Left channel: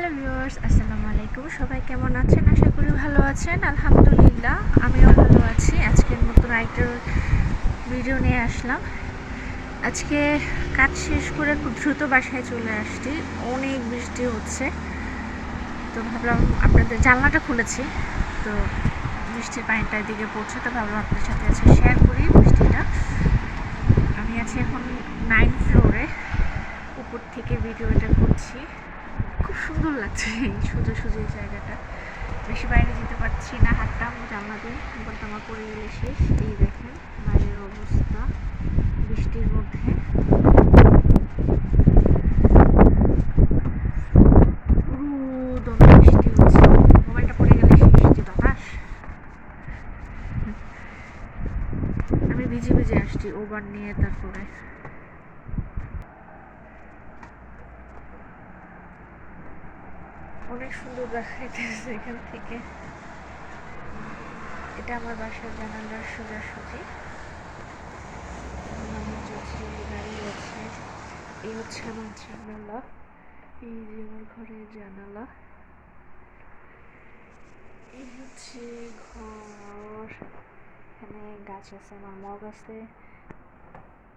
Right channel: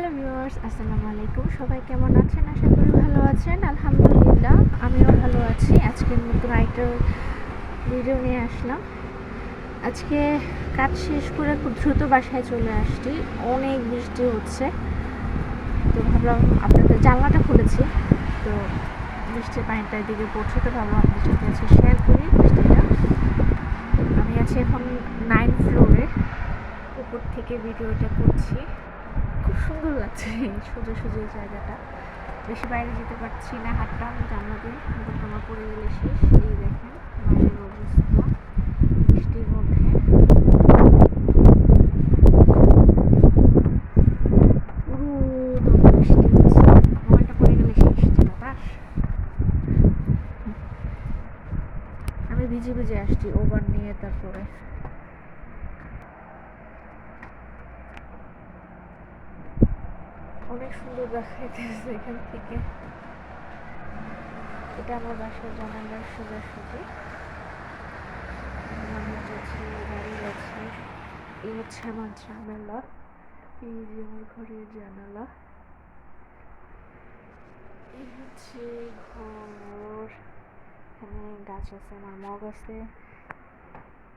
Hello viewers, আসসালামু আলাইকুম। সবাই কেমন আছেন? আশা করি ভালো আছেন। আলহামদুলিল্লাহ, আমিও ভালো আছি। আজকে নতুন আরেকটা ভিডিও নিয়ে আসলাম। আজকে কাজ শেষ করে খুব দ্রুত বাসায় চলে আসছি। অনেক বৃষ্টি হচ্ছে। তো ভাবলাম আপনাদের, জানলাটা খুলেছি। তো বৃষ্টির পানিটা এদিকে পড়ছে, তো ভাবলাম আপনাদের সাথে আজকে শেয়ার করি বৃষ্টিটা। আমি আছি এখন নাইন ফ্লোরে উপর থেকে ভিডিওটা করছি। খুব সুন্দর লাগছে এই সোজা সোজা জায়গাটা। বেশি বাইরে যেতে পারছি না, হাঁটতাম জানলা দিয়ে মোবাইলটা আমার পড়ে গেলে শেষ। এই দেখেন, বাইরের অবস্থা, বৃষ্টির মধ্যে। আমি ভিজে ভিজে আসছি, ওভার নিয়ে তারপরে। অনেক সুন্দর দেখাইতেছে এখান থেকে। এটা আমার বাসার জানালার সোজাসুজি। গাড়ি যাচ্ছে এই হচ্ছে আমার জানালা। এই যে আমার ঘরের জানালা। এই হচ্ছে ঘর। এখানে গাছ আছে, আমার মগ আছে।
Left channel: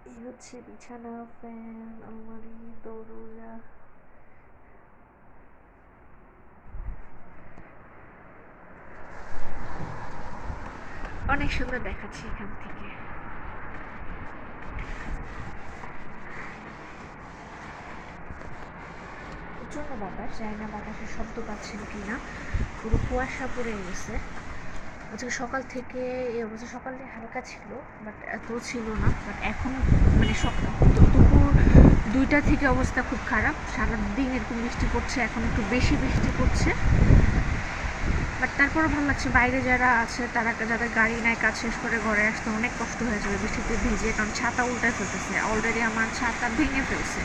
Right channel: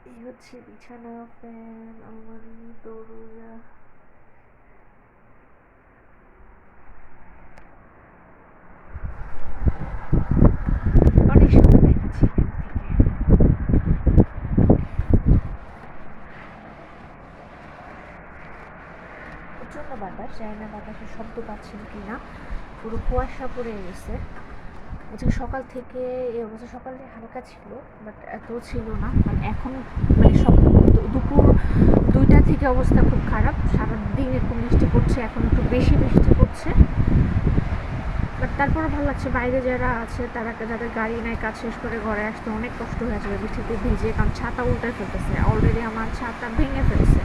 এই হচ্ছে বিছানা, ফ্যান, আলমারি, দরজা। অনেক সুন্দর দেখাচ্ছে এখান থেকে। প্রচণ্ড বাতাস, জানি না বাতাসের শব্দ পাচ্ছেন কি না পুরো কুয়াশা পড়ে গেছে। আজকে সকাল থেকে এই অবস্থা, সকালে হালকা ছিল বাট এত ছিল না। বাট এখন মানে দু- দুপুর দুইটা থেকে অবস্থা খুব খারাপ। সারাদিন এরকম বৃষ্টি পড়ছে, এখন একটু বেশি বৃষ্টি পড়ছে। বাট তারপরও ভালো লাগছে, বাইরে যারা আছে, তারা যাদের গাড়ি নাই, কাজ শেষ করে ঘরে আসতে অনেক কষ্ট হয়ে যাবে, বৃষ্টিতে ভিজে, কারণ ছাতা উল্টে ফেলতেছে অলরেডি আমার ছাতা ভেঙে ফেলছে।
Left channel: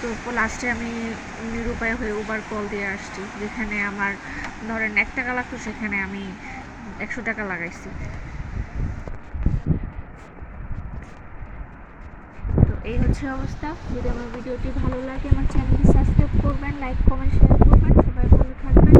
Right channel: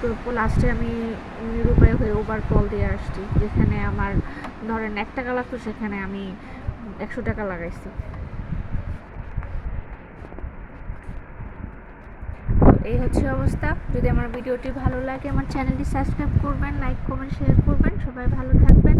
তো লাস্টে আমি নিরুপায় হয়ে ওবার কল দিয়ে আসছি, যেখানে আমার, ধরেন এক টাকা লাগতো সেখানে আমি একশো টাকা লাগাইছি। এই হচ্ছে অবস্থা, যদি আমার ভিডিওটি ভালো লাগে, আমার চ্যানেলটি সাবস্ক্রাইব করবেন লাইক কমেন্ট শেয়ার করবেন, সবাই ভালো থাকবেন।